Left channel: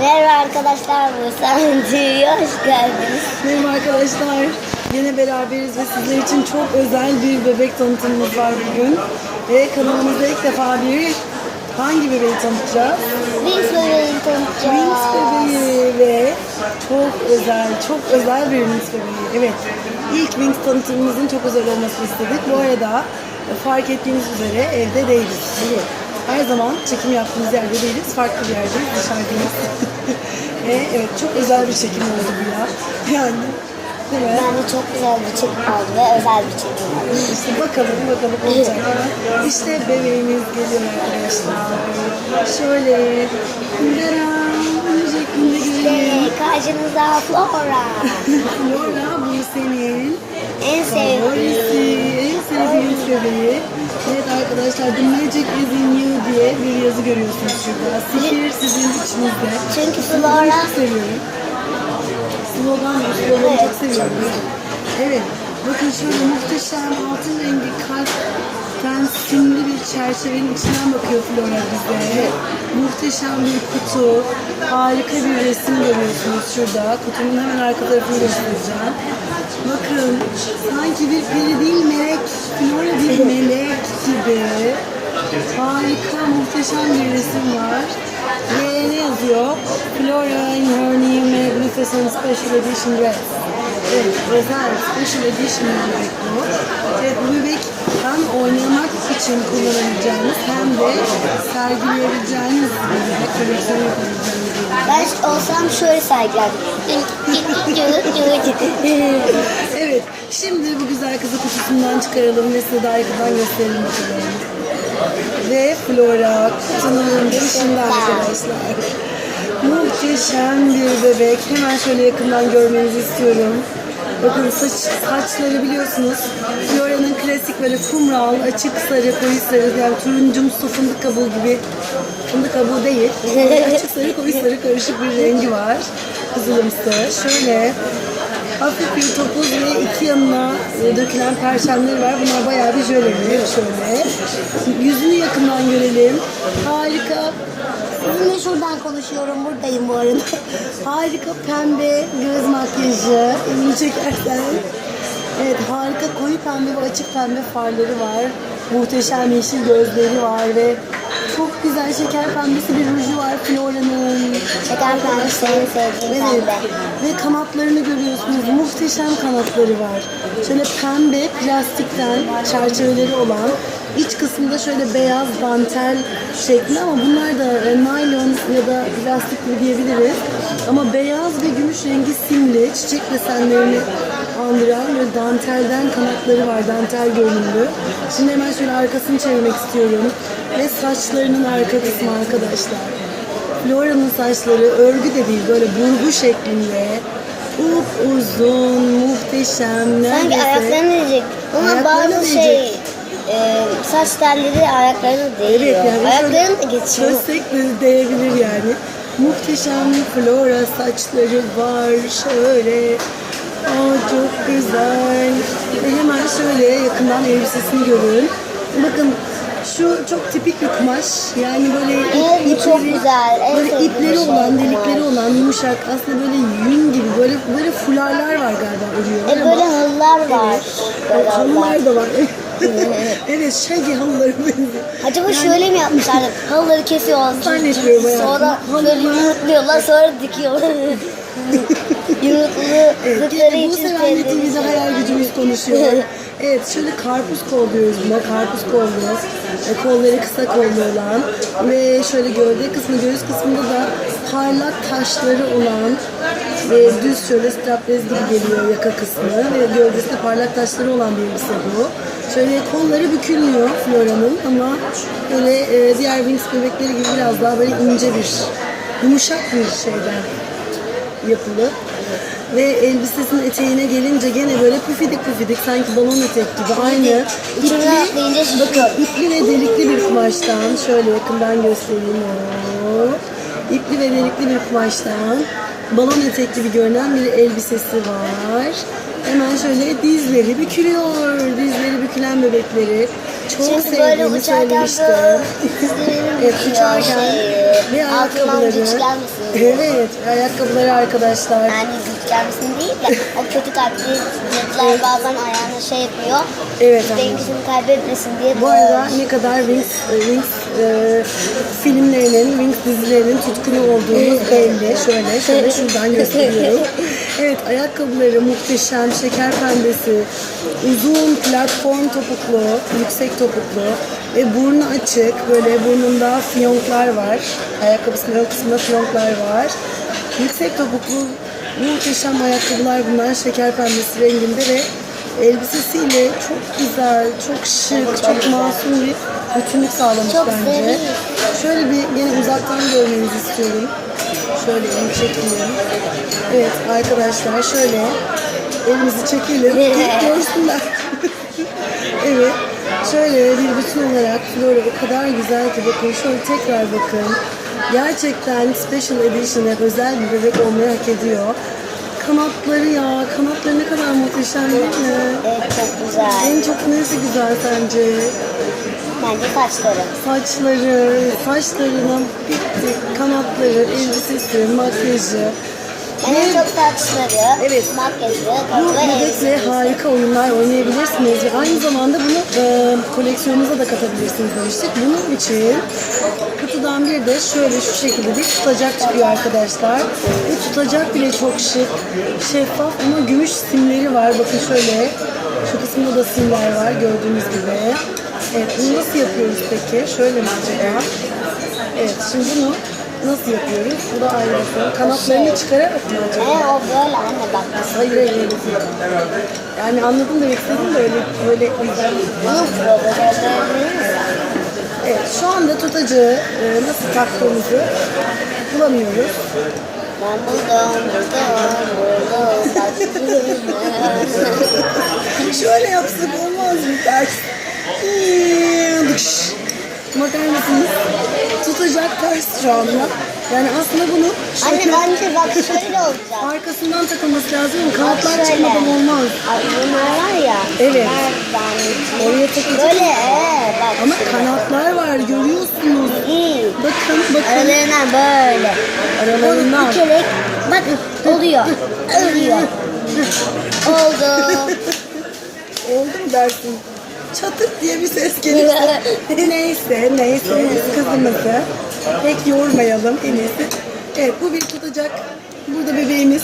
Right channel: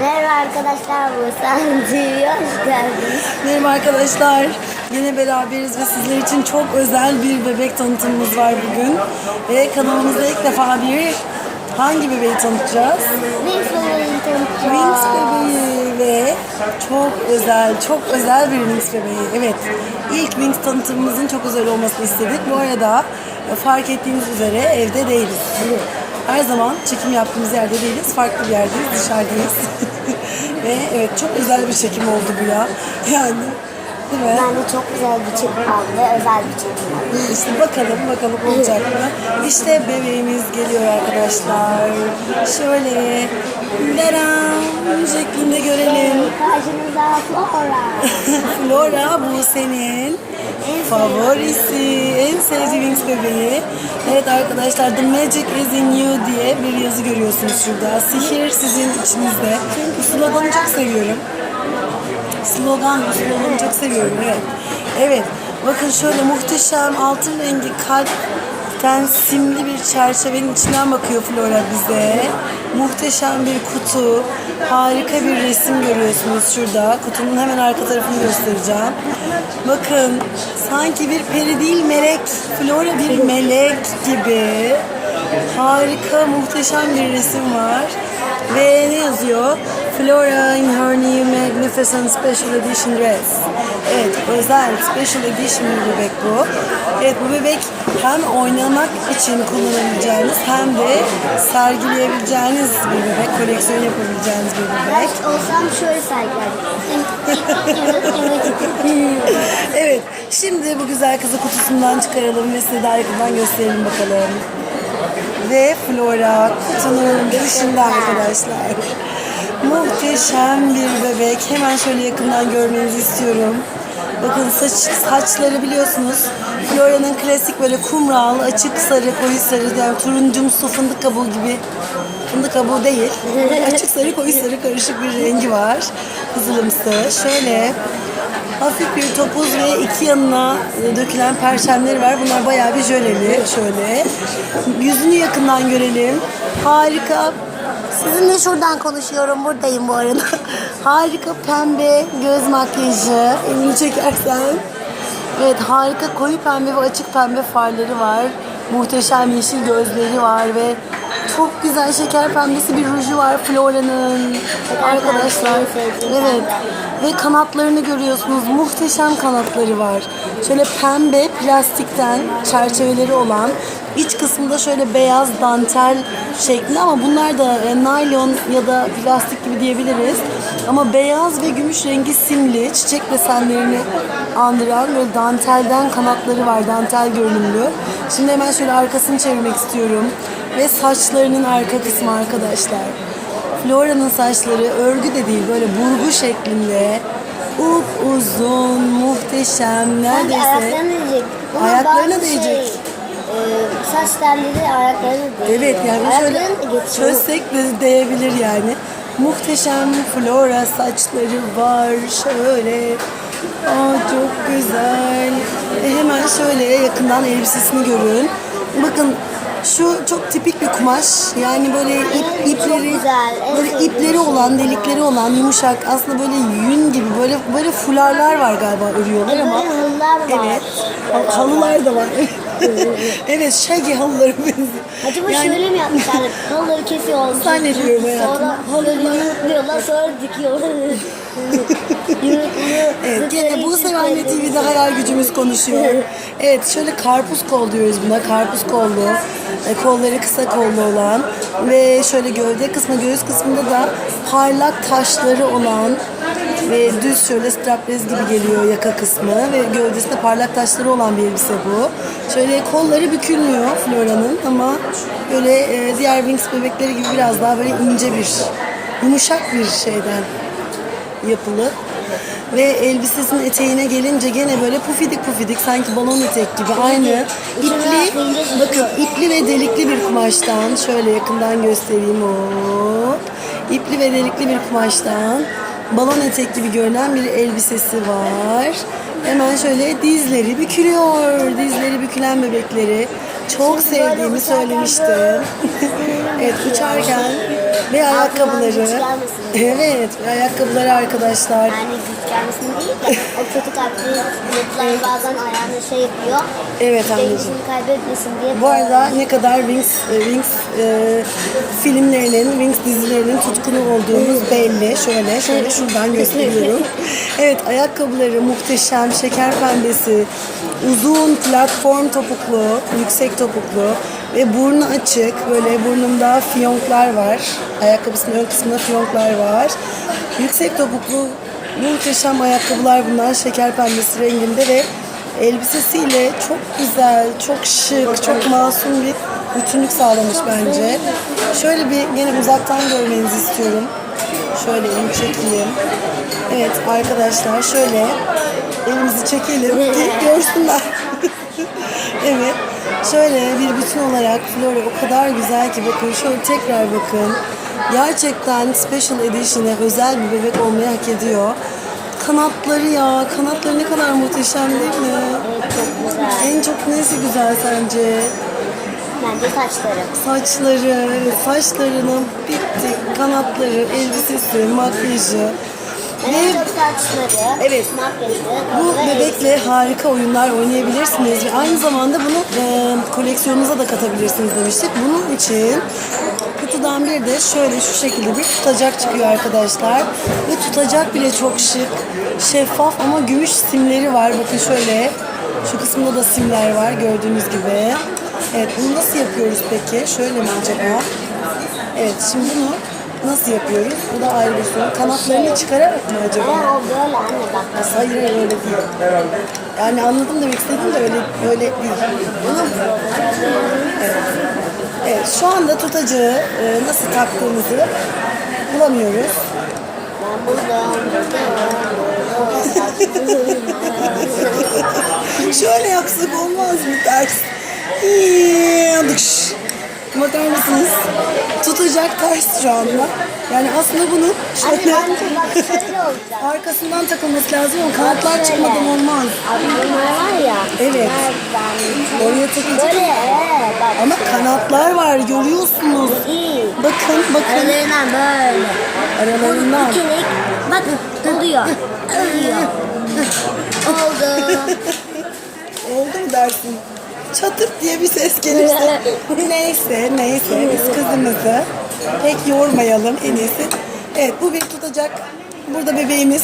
Merhaba arkadaşlar bu Sancı'ya hoş geldiniz. Merhaba arkadaşlar. Yine beraberiz ve sizler için çok özel bir bebek tanıtımımız var bugün. Ve kanalımızda ilk defa bir hangi bebeği tanıtacağız? Wings bebeğini tanıtacağız. Wings bebeği ve çok özel, çok özel bir Wings bebeği. Evet, ilk Wings tanıtımımızın çok özel olmasını istedik. Bu arada fark ettiğiniz üzere evde değiliz. Her zaman çekim yaptığımız yerde değiliz, farklı bir yerdeyiz, dışarıdayız. ve evet çok özel bir çekim oldu bu ya. Yani değil mi? Ben de çok güzel bir çekim oldu özel bir çekim oldu. İşte bakalım bakalım olacak mı? İşte bebeğimiz geliyor arkadaşlar. Şöyle laram şeklinde görelim. Ve karşınızda Flora. Flora arkadaşlar The Magic is in you diye bir yazı görüyorsunuz şurada. Sihir sizin içinizde. Çünkü sloganı çok seviyorum. Slogan, sloganı çok seviyorum. Evet. Evet. Bakın şöyle muhteşem altın rengi kalpten simli bir çerçevenin içinden bakıyor Flora bize. Muhteşem bir kutu. Harika bir resim görüyorsunuz şurada. Kutunun hemen arka tarafını göstereceğim. Bakın sanki bir peri değil melek. Flora bir melek gibi. Harika muhteşem bir resim var. Ve ne yazıyor? Flora in her new magnificent special edition dress. Evet, özel special edition bir bebek bu. Evet, bu bebek hem oynamak için kullanabileceğiniz hem de sergileyebileceğiniz bir bebek, koleksiyon yapabileceğiniz bir bebek. Ben olsam şöyle sergilerdim. Evet, şimdi bu güzel kızı kutusundan çıkaralım ve size daha yakından gösterelim bakalım. Ve Flora kutunun dışında arkadaşlar. Muhteşem bir bebek. Hemen şöyle yakından görmenizi istiyorum. Bakın saç, saçları biliyorsunuz. Flora'nın klasik böyle kumral, açık sarı, koyu sarı yani turuncumsu fındık kabuğu gibi. Fındık kabuğu değil. Açık sarı, koyu sarı karışık bir rengi var. Kızılımsı. Şöyle Hafif bir topuz ve iki yanına dökülen perçemleri var. Bunlar bayağı bir jöleli şöyle. Yüzünü yakından görelim. Harika. Sizinle şuradan konuşuyorum. Buradayım bu arada. Harika pembe göz makyajı. Elini çekersen. Evet harika koyu pembe ve açık pembe farları var. Muhteşem yeşil gözleri var ve çok güzel şeker pembesi bir ruju var Flora'nın. En sevdiğim Evet. Ve kanatlarını görüyorsunuz. Muhteşem kanatları var. Şöyle pembe plastikten çerçeveleri olan iç kısmında şöyle beyaz dantel şekli ama bunlar da e, naylon ya da plastik gibi diyebiliriz. Ama beyaz ve gümüş rengi simli çiçek desenlerini andıran böyle dantelden kanatları var. Dantel görünümlü. Şimdi hemen şöyle arkasını çevirmek istiyorum. Ve saçlarının arka kısmı arkadaşlar. Flora'nın saçları örgü de değil böyle burgu şeklinde. Up uzun, muhteşem, Sanki neredeyse. ayaklarına değecek. Ama Ayaklarına bazı değecek. şey e, saç telleri ayaklarına değiyor. Evet yani geçiyor. çözsek de değebilir yani. Muhteşem Flora saçları var şöyle. Aa çok güzel. E, hemen şöyle yakından elbisesini görün. Bakın şu çok tipik bir kumaş. Yani böyle ip, Evet, ipleri, güzel. En böyle ipleri şey olan, delikleri olan, yumuşak. Aslında böyle yün gibi böyle böyle fularlar var galiba örüyorlar E, ama. böyle halılar var. Evet. Halılar da var. evet, şagi halıları benziyor. Acaba Yani- şöyle mi yapmışlar? Halıları kesiyorlar. Zannetmiyorum hayatım. Sonra böyle yumrukluyorlar sonra dikiyorlar. Evet, yine bu sefer Anne TV'de hayal gücümüz konuşuyor. Evet, şöyle karpuz kol diyoruz buna. Karpuz kollu. E, kolları kısa kollu olan ve şöyle gövde kısmı, göğüs kısmında da parlak taşları olan ve düz şöyle strapless gibi geliyor yaka kısmı ve gövdesinde parlak taşları olan bir elbise bu. Şöyle kolları bükülmüyor Flora'nın ama böyle e, diğer Wings bebekleri gibi biraz daha böyle ince bir, yumuşak bir şeyden yapılı. Ve elbisesinin eteğine gelince gene böyle pufidik pufidik sanki balon etek gibi aynı ipli bakın ipli ve delikli bir kumaştan şöyle yakından göstereyim o ipli ve delikli bir kumaştan balon etek gibi görünen bir elbisesi var. Hemen şöyle dizleri bükülüyor. Dizleri bükülen bebekleri çok Şimdi sevdiğimi söylemiştim. evet uçarken şeyi. Ve ayakkabıları. Evet ve ayakkabıları arkadaşlar. Yani güç gelmesin değil de o kötü kalpli çocuklar bazen ayağına şey yapıyor. Evet. Dengesini kaybetmesin diye. Bu arada ne kadar Wings, e, Wings e, filmlerinin, Wings dizilerinin tutkunu olduğumuz belli. Şöyle, şöyle şuradan gösteriyorum. Evet, ayakkabıları muhteşem, şeker pembesi, uzun platform topuklu, yüksek topuklu ve burnu açık. Böyle burnunda fiyonklar var. Ayakkabısının ön kısmında fiyonklar var. Yüksek topuklu muhteşem ayakkabılar bunlar. Şeker pembesi renginde ve elbisesiyle çok güzel, çok şık, çok masum bir bütünlük sağlamış Çok bence. zengin. Şöyle bir beni uzaktan görmenizi istiyorum. Şöyle elimi çekeyim. Evet arkadaşlar şöyle elimizi çekelim. Gelip görsünler. evet. Şöyle bir bütün olarak Flora o kadar güzel ki bakın şöyle tekrar bakın. Gerçekten Special Edition'e özel bir bebek olmayı hak ediyor. Kanatları ya, kanatları ne kadar muhteşem değil mi? Evet çok güzel. En çok nesi güzel sence? Bence saçları. Saçları, saçlarının bitti, kanatları, elbisesi, makyajı. En Ve çok saçları, Evet. makyajı, bu bebekle harika oyunlar oynayabilirsiniz ve aynı zamanda bunu e, koleksiyonunuza da katabilirsiniz demiştik. Bunun için kutudan bir de şöyle şu şekilde bir tutacak çıkıyor arkadaşlar. Ve tutacak bile çok şık, şeffaf ama gümüş simleri var. Bakın şöyle şu kısmında da simler var gördüğünüz gibi. Evet bunu nasıl yapıyoruz peki? Şöyle mi acaba? Evet şimdi bunu nasıl yapıyoruz? Bu da ayrı bir soru. Kanatlarını çıkararak mı acaba? E, o böyle anne bak. Hayır hayır öyle değil. Yani anladım demek istedim de öyle öyle değil. Problemlerini Evet şu anda tutacığı e, nasıl taktığımızı bulamıyoruz. Ben buldum, buldum, buldum. Şöyle yapsak olmaz mı ters? Dış. Bakar mısınız? Tutacak ters şu anda. Yani aslında bunu Anne şöyle bence bak şöyle olacak. arkasından takılması lazım ama kanatlar Şöyle. çıkmadan olmaz. Abi bunlar var ya. Evet. Nereden? Oraya takılacak Böyle ee, bak. ama kanatlar var görüyorsunuz. İyi. Bakın bakın. Aralarından böyle. Aralarından. Bir kere bak oluyor. Oluyor. Oldu. Oldu mu dersin? Çatırt diye bir ses gelirse. neyse neyse biz kızımızı pek yormayalım en iyisi. Evet bu bir tutacak. Burada bebeğimiz.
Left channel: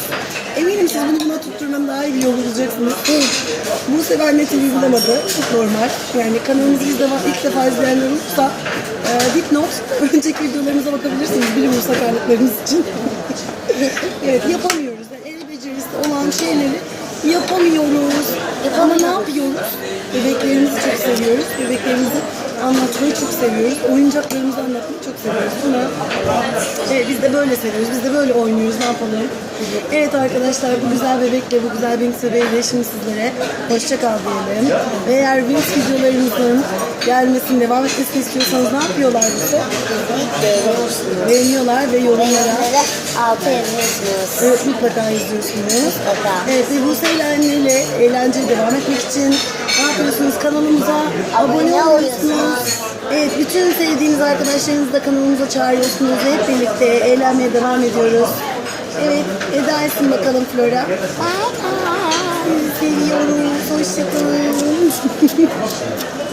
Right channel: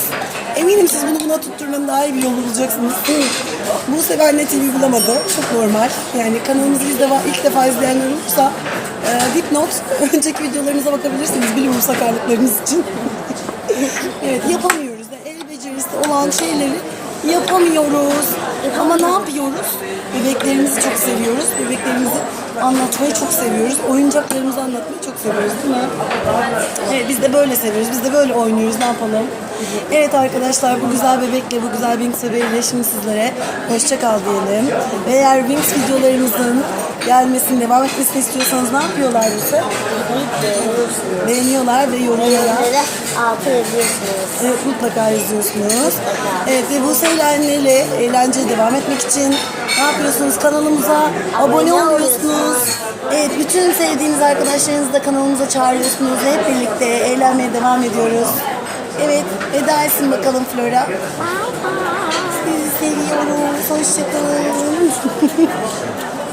Eminim siz bunu buna tutturmanın daha iyi bir yolu bulacaksınız. Bunu seven ne TV bulamadı. Çok normal. Yani kanalımızı ilk defa, ilk defa izleyenler olursa e, dipnot önceki videolarımıza bakabilirsiniz bilim sakarlıklarınız için. evet yapamıyoruz. El becerisi olan şeyleri yapamıyoruz. Ama ne yapıyoruz? Bebeklerimizi çok seviyoruz. Bebeklerimizi anlatmayı çok seviyoruz. Oyuncaklarımızı anlatmayı çok seviyoruz değil mi? Evet biz de böyle seviyoruz. Biz de böyle oynuyoruz. Ne yapalım? Evet arkadaşlar bu güzel bebekle, bu güzel Wings bebeğiyle şimdi sizlere hoşça kal diyelim. Ve eğer Wings videolarımızın gelmesini, devam etmesini istiyorsanız ne yapıyorlar bize? Beğeniyorlar ve yorumlara altı yazıyorsunuz. Evet, mutlaka. Mutlaka. Evet ve Buse ile anneyle eğlenceye devam etmek için ne yapıyorsunuz? Kanalımıza abone, Abone oluyorsunuz. Evet bütün sevdiğiniz arkadaşlarınızı da kanalımıza çağırıyorsunuz ve hep birlikte eğlenmeye devam ediyoruz. Evet veda etsin bakalım Flora. Sizi seviyoruz. Hoşçakalın.